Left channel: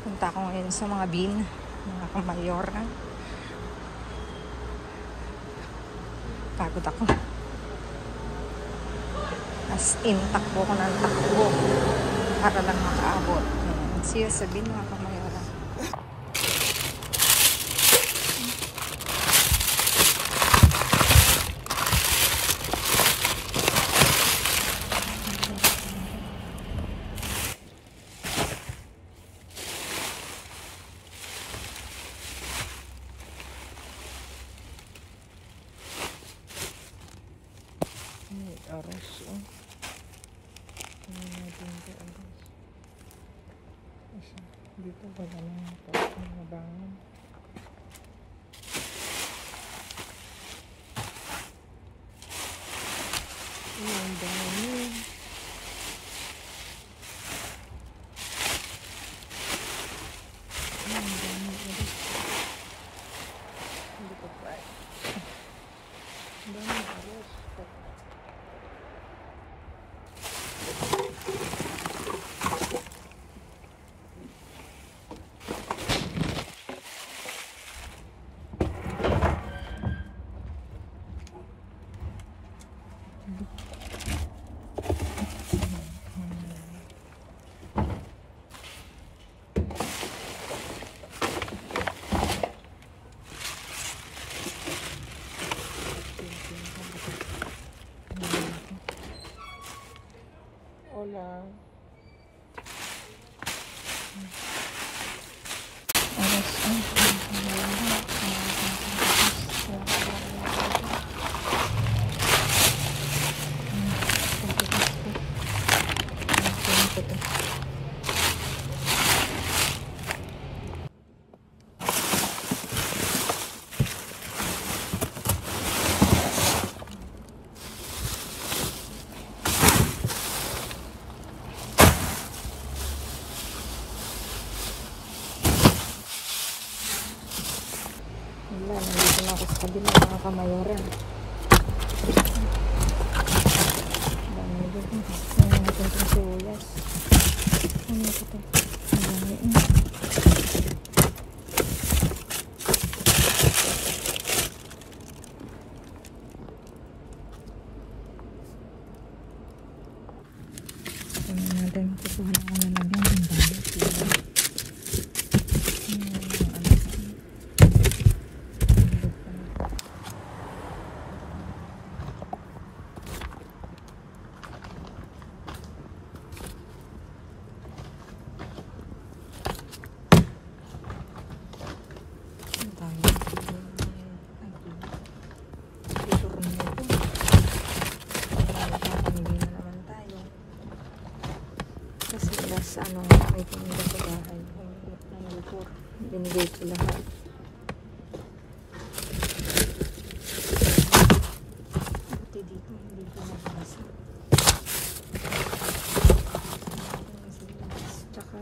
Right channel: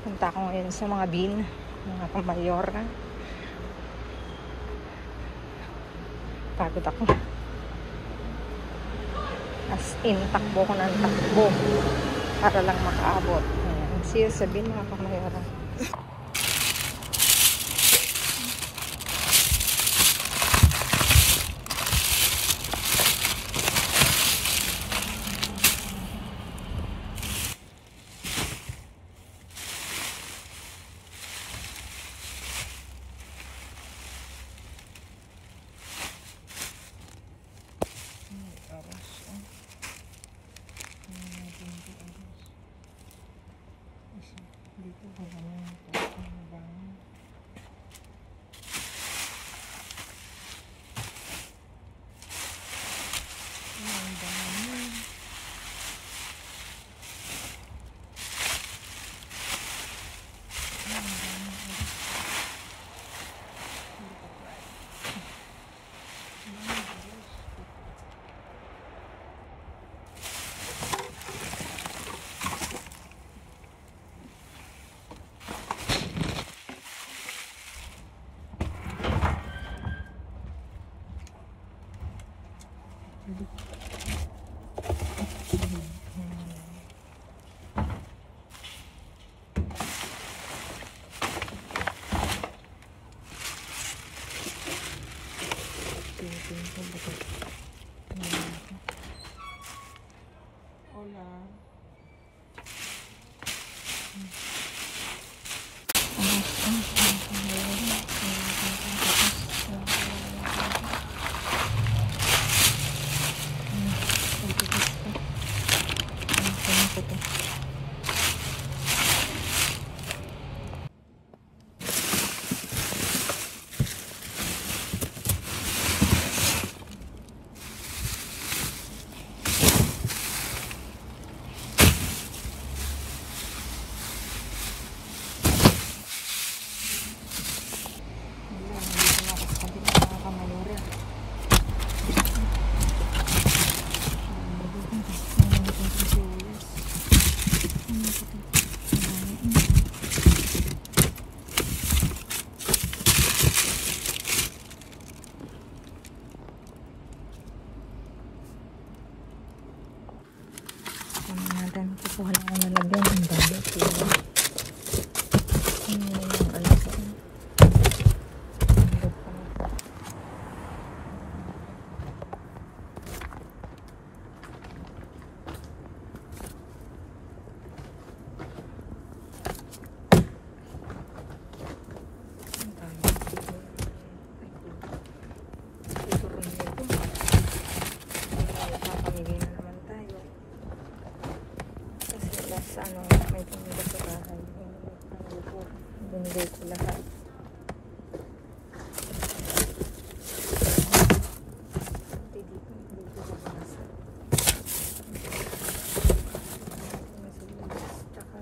Punta ako ngayon sa mga bin, mga kamayor. Pagod ako. As in, takbo ko ng takbo para lang makaabot. See you sa bin, mga kamayor. Aros, dito ba naman ito nabangon. Ang dami. Ang dami aros. Hindi pa pa. Ang dami aros. Hola. Hindi na mga kamayoran. Daming doon. Ano natin itong sulas. Ano ito? Ano natin? Kukuha na ang nalagyan. Ang dami. Ano, may pamilya sa bahay. Binigay ko lang. Buti dito, hindi ko nabasa. Tsaka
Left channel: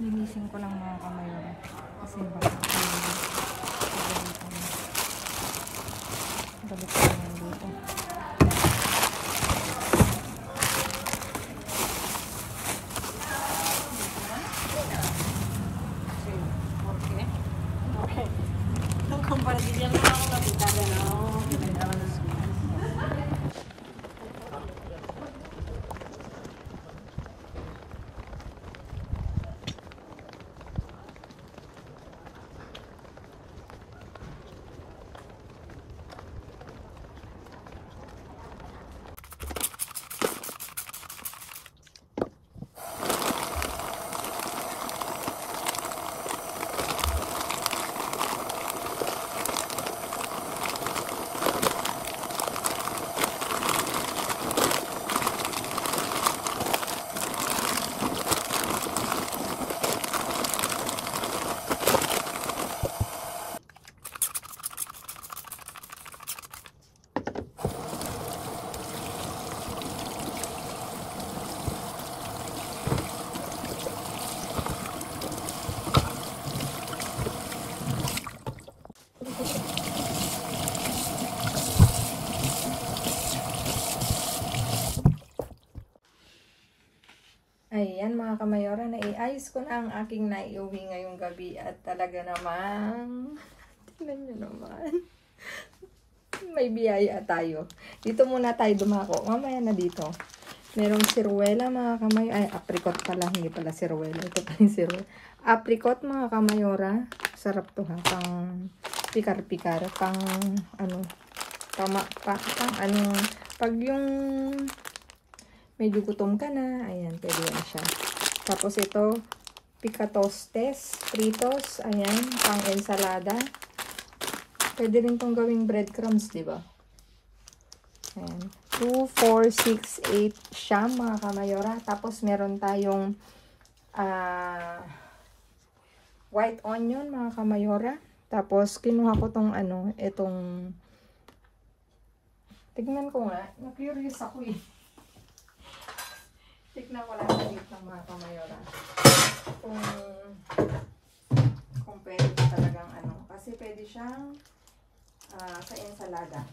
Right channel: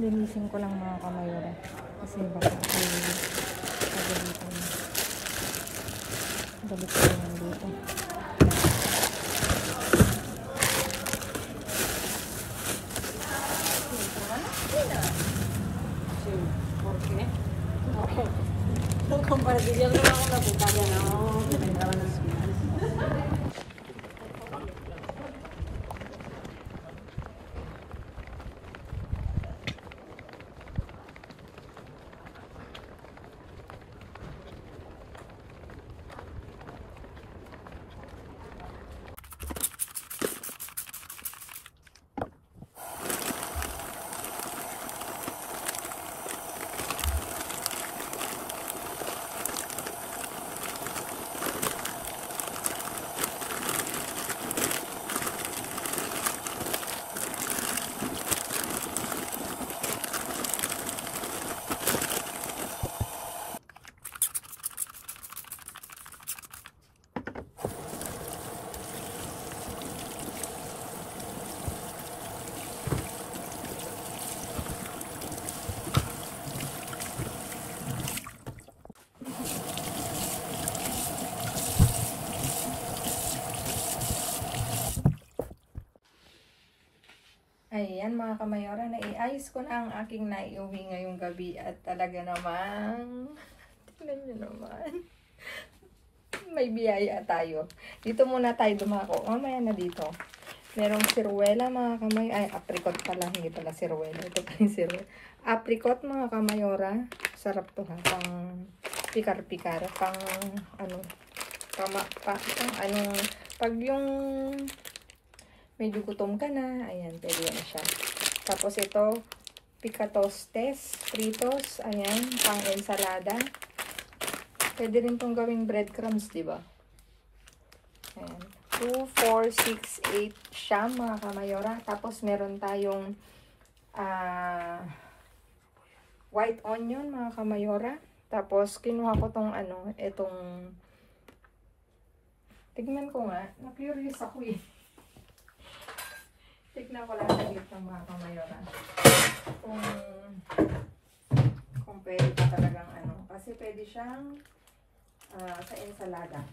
Linisin ko lang mga kamayora kasi baka balik ko naman dito. Ayan mga kamayora, naiayos ko na ang aking naiuwi ngayong gabi at talaga naman, tingnan nyo naman, may biyaya tayo. Dito muna tayo dumako, mamaya na dito. Merong siruela mga kamayora, ay apricot pala, hindi pala siruela, ito pa yung siruela. Apricot mga kamayora, sarap to ha, pang pikar-pikar, pang ano, pag yung medyo gutom ka na, ayan, pwede na siya. Tapos ito, picatostes, fritos, ayan, pang ensalada. Pwede rin itong gawing breadcrumbs, di ba? Ayan, 2, 4, 6, 8 siya, mga kamayora. Tapos meron tayong white onion, mga kamayora. Tapos kinuha ko tong ano, itong, tignan ko nga, na-curious ako eh. Tignan ko lang ulit ng mga kamayora. Kung pwede pa talagang ano. Kasi pwede siyang sa ensalada.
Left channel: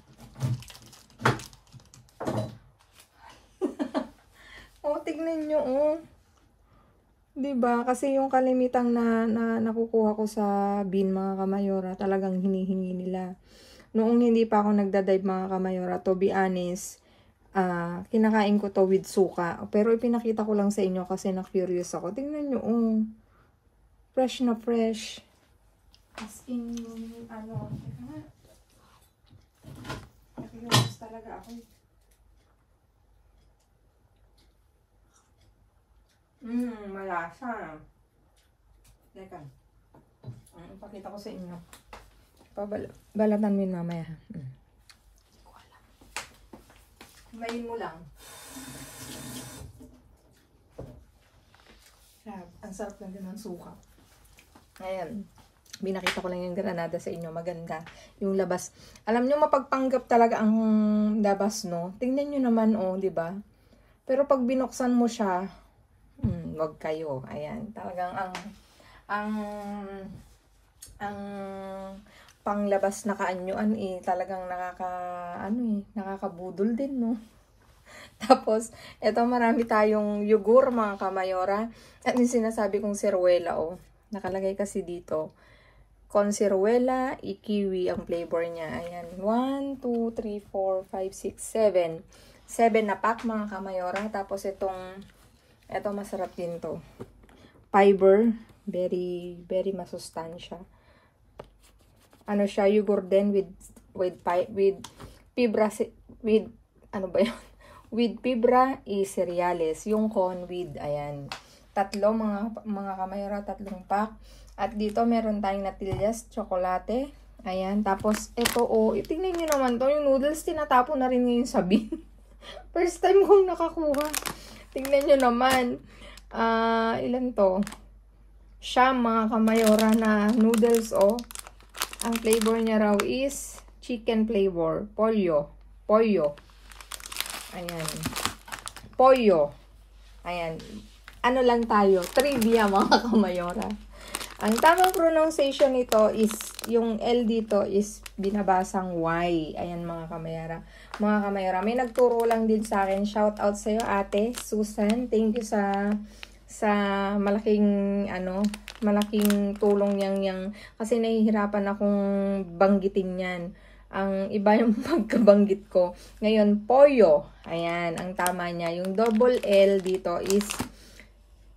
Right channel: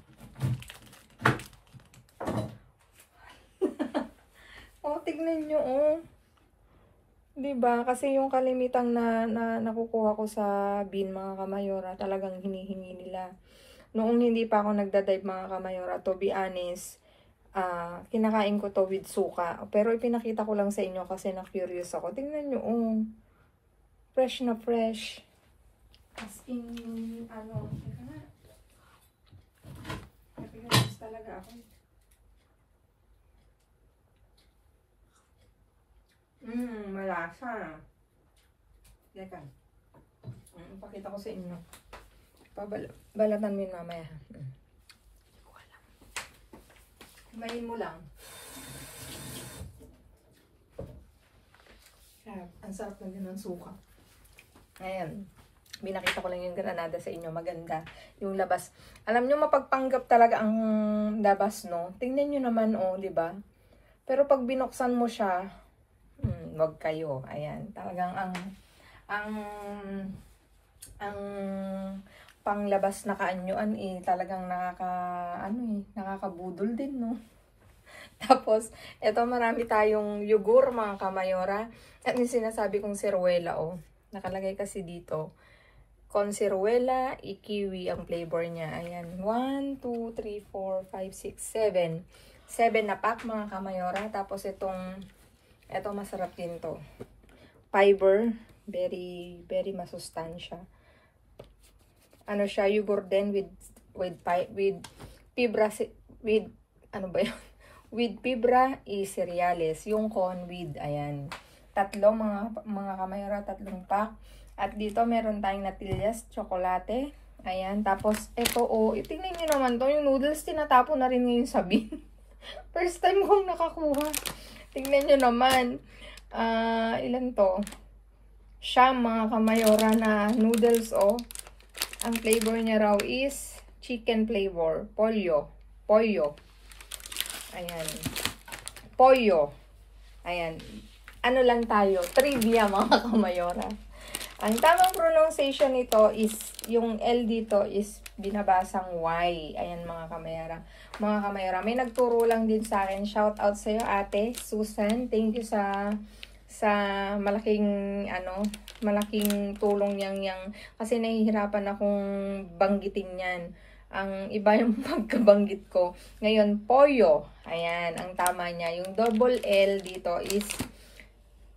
Oh, tignan nyo oh. Diba? Kasi yung kalimitang na nakukuha ko sa bin mga kamayora, talagang hinihingi nila. Noong hindi pa ako nagdadive mga kamayora, to be honest, kinakain ko to with suka. Pero ipinakita ko lang sa inyo kasi na-curious ako. Tingnan nyo, oh. Fresh na fresh. As in, ano, na-curious talaga ako. Malasa. Teka. Ipakita ko sa inyo. Balatan mo yun mamaya. Kumain mo lang. Sarap. Ang sarap lang din ng suka. Ayan. Binakita ko lang yung granada sa inyo. Maganda. Yung labas. Alam nyo, mapagpanggap talaga ang labas, no? Tingnan nyo naman, oh, di ba? Pero pag binuksan mo siya, wag kayo. Ayan. Talagang ang panglabas na kaanyuan, talagang nakakabudol din, no? Tapos, eto marami tayong yugur, mga kamayora. At yung sinasabi kong seruela, oh. Nakalagay kasi dito. Conserwela, kiwi ang flavor niya. Ayan. 1, 2, 3, 4, 5, 6, 7. 7 na pack, mga kamayora. Tapos itong masarap din to. Fiber. Very, very masustansya. Ano siya, yogurt din with fibra, ano ba yun? With fibra cereales. Yung corn with, ayan. Tatlo, mga kamayora, 3 pack. At dito, meron tayong natillas, tsokolate. Ayan. Tapos, ito, oh. Tingnan nyo naman to. Yung noodles, tinatapon na rin ngayon sa bin. First time kong nakakuha. Tingnan nyo naman. Ilan to? Siya, mga kamayora na noodles, oh. Ang flavor niya raw is chicken flavor. Pollo. Ayan. Pollo. Ayan. Ano lang tayo? Trivia, mga kamayora. Ang tamang pronunciation nito is, yung L dito is binabasang Y. Ayan, mga kamayara. Mga kamayara, may nagturo lang din sa akin. Shout out sa'yo, Ate Susan. Thank you sa malaking tulong yang kasi nahihirapan akong banggitin yan. Ang iba yung pagkabanggit ko. Ngayon, pollo. Ayan, ang tama niya. Yung double L dito is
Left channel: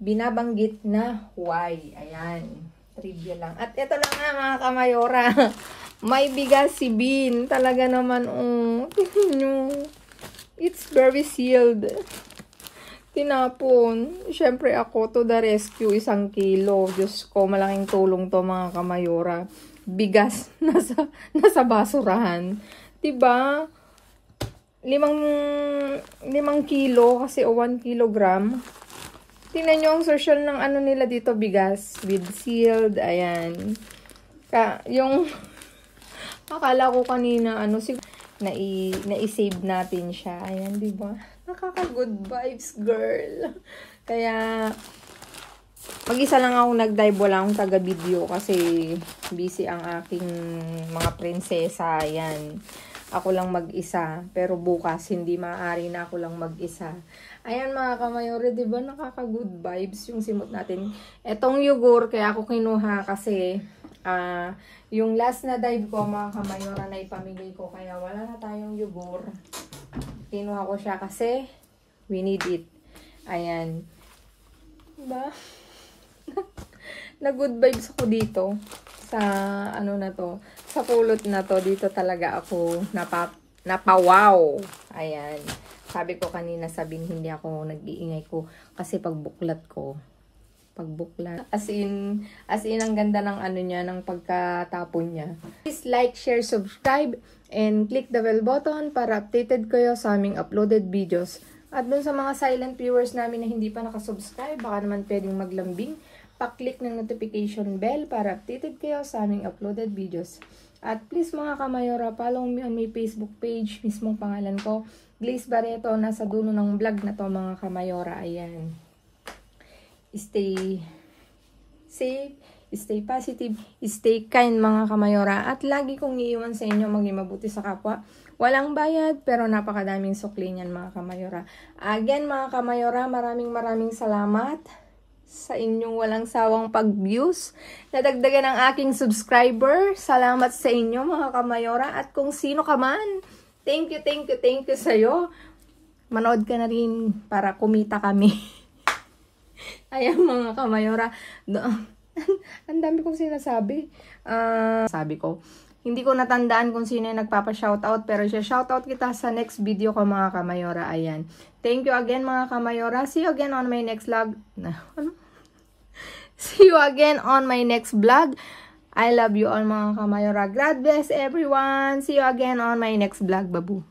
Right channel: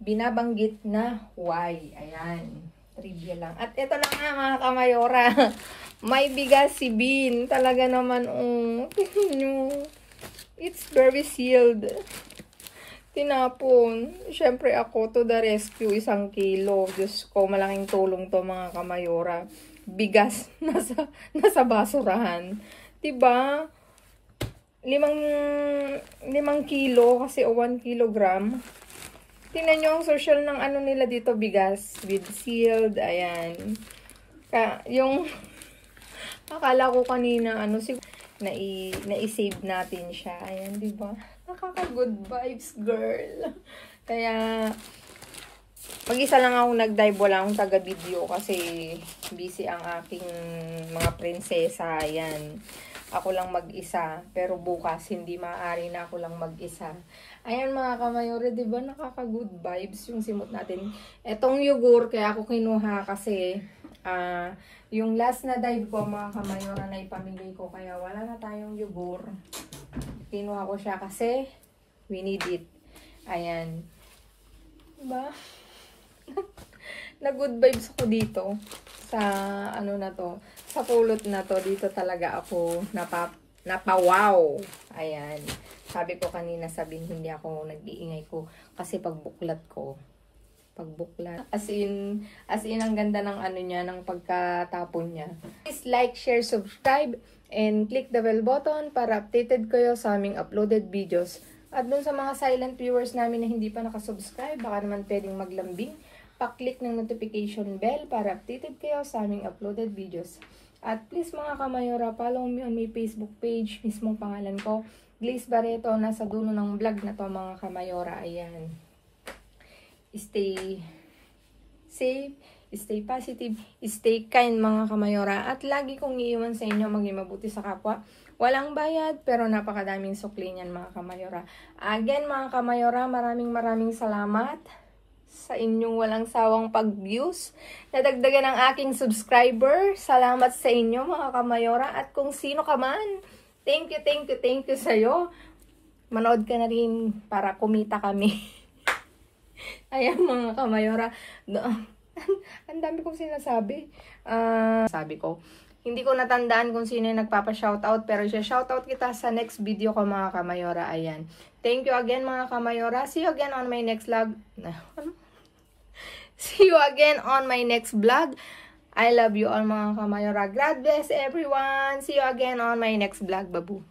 binabanggit na Y. Ayan. Trivia lang. At ito na nga, mga kamayora. May bigas si Bean. Talaga naman, it's very sealed. Tinapon. Siyempre ako, to the rescue, 1 kilo. Diyos ko, malaking tulong to, mga kamayora. Bigas nasa basurahan. Diba? 5 kilo kasi 1 kilogram. Tingnan nyo ang social ng ano nila dito, bigas. With sealed, ayan. Yung, akala ko kanina, na-save natin siya. Ayan, diba? Nakaka-good vibes, girl. Kaya, mag-isa lang ako nag-dive, wala akong taga-video kasi busy ang aking mga prinsesa. Ayan. Ako lang mag-isa. Pero bukas, hindi maaari na ako lang mag-isa. Ayan, mga kamayore, diba nakaka-good vibes yung simot natin. Etong yogurt, kaya ako kinuha kasi yung last na dive ko, mga kamayore, na ipamigay ko. Kaya wala na tayong yogurt. Kinuha ko siya kasi we need it. Ayan. Diba? Na-good vibes ako dito. Sa ano na to. Sa pulot na to. Dito talaga ako napawaw. Ayan. Sabi ko kanina, hindi ako nag-iingay ko. Kasi pagbuklat ko. As in, ang ganda ng ano niya, ng pagkatapon niya. Please like, share, subscribe, and click the bell button para updated kayo sa aming uploaded videos. At dun sa mga silent viewers namin na hindi pa nakasubscribe, baka naman pwedeng maglambing. Pa-click ng notification bell para updated kayo sa aming uploaded videos. At please, mga kamayora, follow me on my Facebook page, mismong pangalan ko, Glaze Barreto. Nasa dulo ng vlog na to, mga kamayora. Ayan. Stay safe, stay positive, stay kind, mga kamayora. At lagi kong iiwan sa inyo, maging mabuti sa kapwa. Walang bayad, pero napakadaming sukli niyan, mga kamayora. Again, mga kamayora, maraming salamat sa inyong walang sawang pag-views. Nadagdagan ang aking subscriber. Salamat sa inyo, mga kamayora. At kung sino ka man, thank you sa'yo. Manood ka na rin para kumita kami. Ayan, mga kamayora. Ang dami kong sinasabi. Sabi ko, hindi ko natandaan kung sino yung nagpapa-shoutout. Pero shoutout kita sa next video ko, mga kamayora. Ayan. Thank you again, mga kamayora. See you again on my next vlog. See you again on my next vlog. I love you all, mga kamayora. God bless everyone. See you again on my next vlog, babu.